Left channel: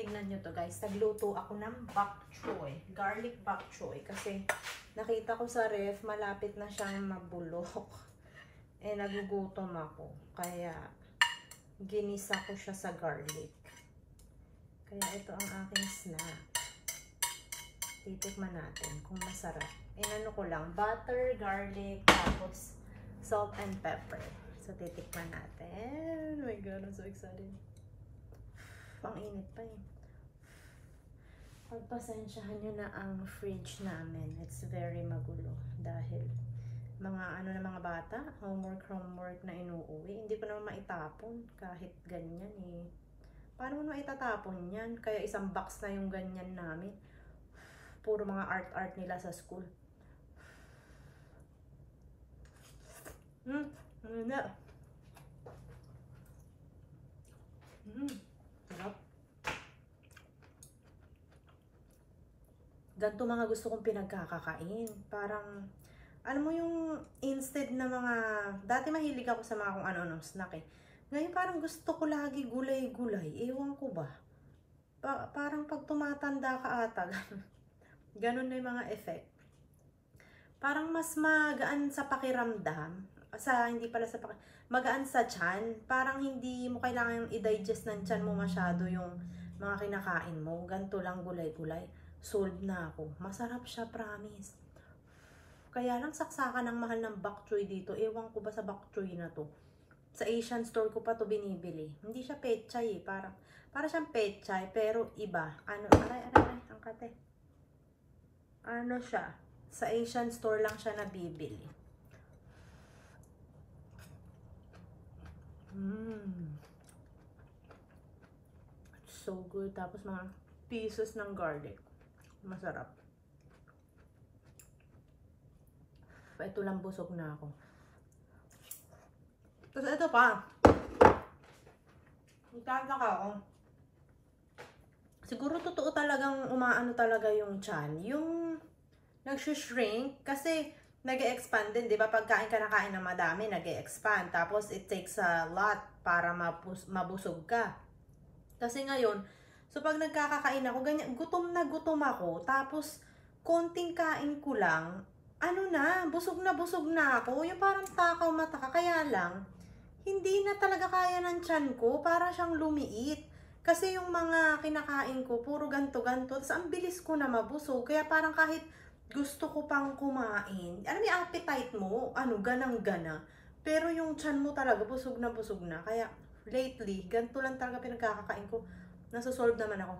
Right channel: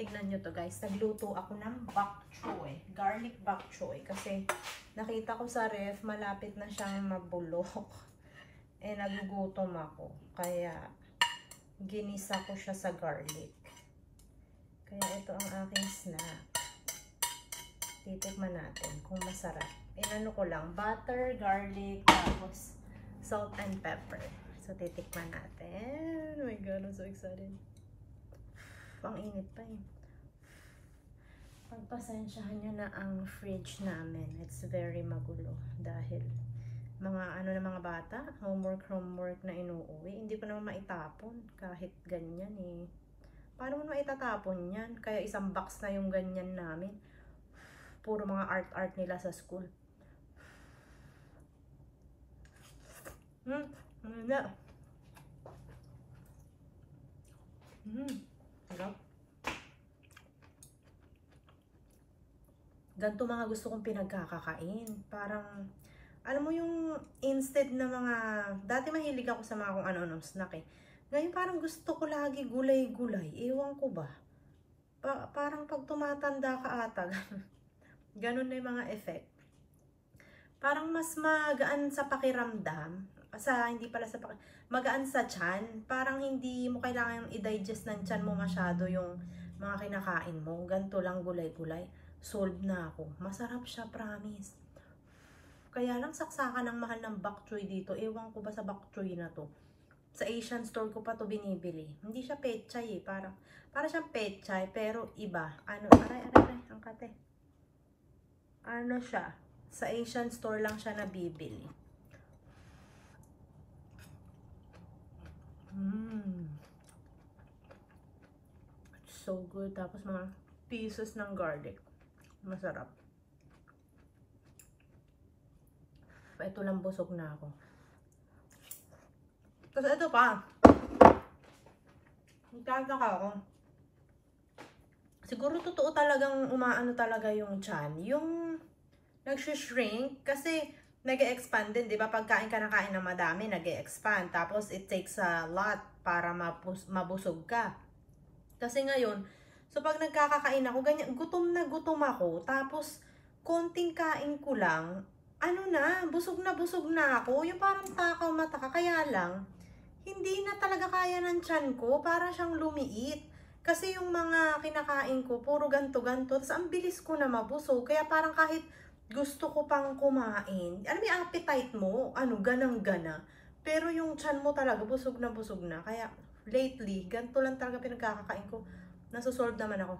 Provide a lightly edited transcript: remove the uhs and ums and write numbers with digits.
Tignan nyo to guys. Nagluto ako ng bok choy. Garlic bok choy. Kasi nakita ko sa ref, malapit na siyang mabulok. Eh, nagugutom ako. Kaya, ginisa ko siya sa garlic. Kaya ito ang aking snack. Titikman natin kung masarap. Inano ko lang, butter, garlic, tapos salt and pepper. So, titikman natin. Oh my God, I'm so excited. Ang init pa eh. Pagpasensyahan nyo na ang fridge namin. It's very magulo. Dahil mga mga bata, homework na inuuwi. Hindi ko naman maitapon kahit ganyan eh. Paano mo maitatapon yan? Kaya isang box na yung ganyan namin. Puro mga art nila sa school. Ano na? Sarap. Ganito mga gusto kong pinagkakakain. Parang, alam mo yung instead na mga, dati mahilig ako sa mga kung ano-anong snack eh. Ngayon parang gusto ko lagi gulay-gulay. Ewan ko ba? Parang pag tumatanda ka ata, ganun na yung mga effect. Parang mas magaan sa pakiramdam. Hindi pala sa magaan sa tiyan. Parang hindi mo kailangan i-digest ng tiyan mo masyado yung mga kinakain mo. Ganito lang gulay-gulay. Solve na ako. Masarap siya, promise. Kaya lang saksakan ng mahal ng bok choy dito. Ewan ko ba sa bok choy na to. Sa Asian store ko pa to binibili. Hindi siya pechay eh. Para siyang pechay pero iba. Aray, ang kate. Ano siya? Sa Asian store lang siya nabibili. It's so good. Tapos mga pieces ng garlic. Masarap. Ito lang busog na ako. Tapos ito pa. Nagtataka ako. Siguro totoo talagang umaano talaga yung tiyan. Yung nag-shrink kasi nag-expand din, di ba? Pagkain ka na kain ng madami, nag-expand. Tapos it takes a lot para mabusog ka. Kasi ngayon, so pag nagkakakain ako, ganyan, gutom ako. Tapos konting kain ko lang, busog na ako. Yung parang takaw mata ka. Kaya lang, hindi na talaga kaya ng tiyan ko. Para siyang lumiit. Kasi yung mga kinakain ko, puro ganto-ganto. Tapos ang bilis ko na mabusog. Kaya parang kahit gusto ko pang kumain. Alam mo yung appetite mo? Ganang-gana. Pero yung tiyan mo talaga, busog na. Kaya lately, ganito lang talaga pinagkakakain ko. Nasusolve naman ako.